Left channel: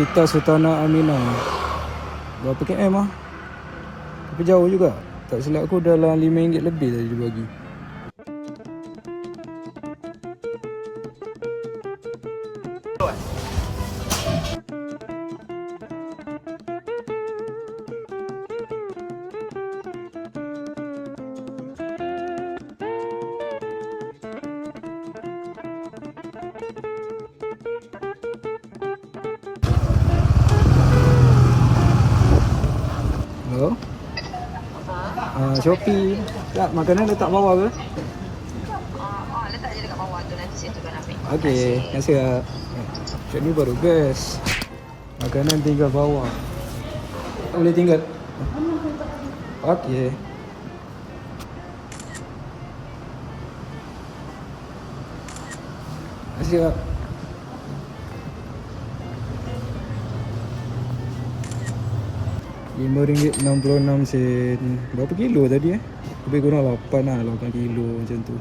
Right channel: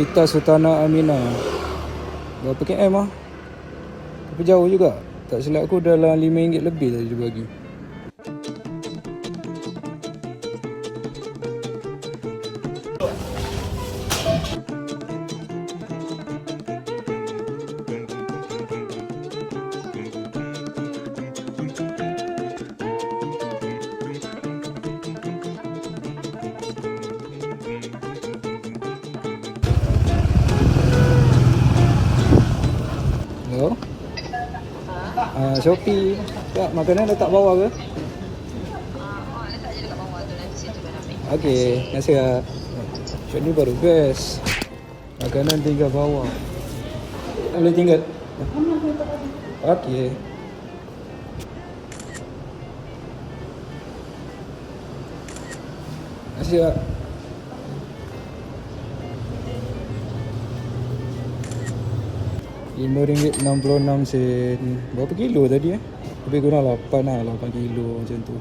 Hospital Sultanah Aminah. Berapa km lah? Tapi jauh juga. Tak silap aku dalam RM5 lebih tadi dia bagi. Hello? Shopee. Tak, makanan letak bawah ke? Letak je dekat bawah tu, nanti saya tukar ambil. Okey, terima kasih lah. Macam ni baru best. Makanan tinggal bawah. Boleh tinggal? Okey. Terima kasih lah. RM5.66. Berapa kilo tadi Lebih kurang 8 lah, 8 kilo macam tu.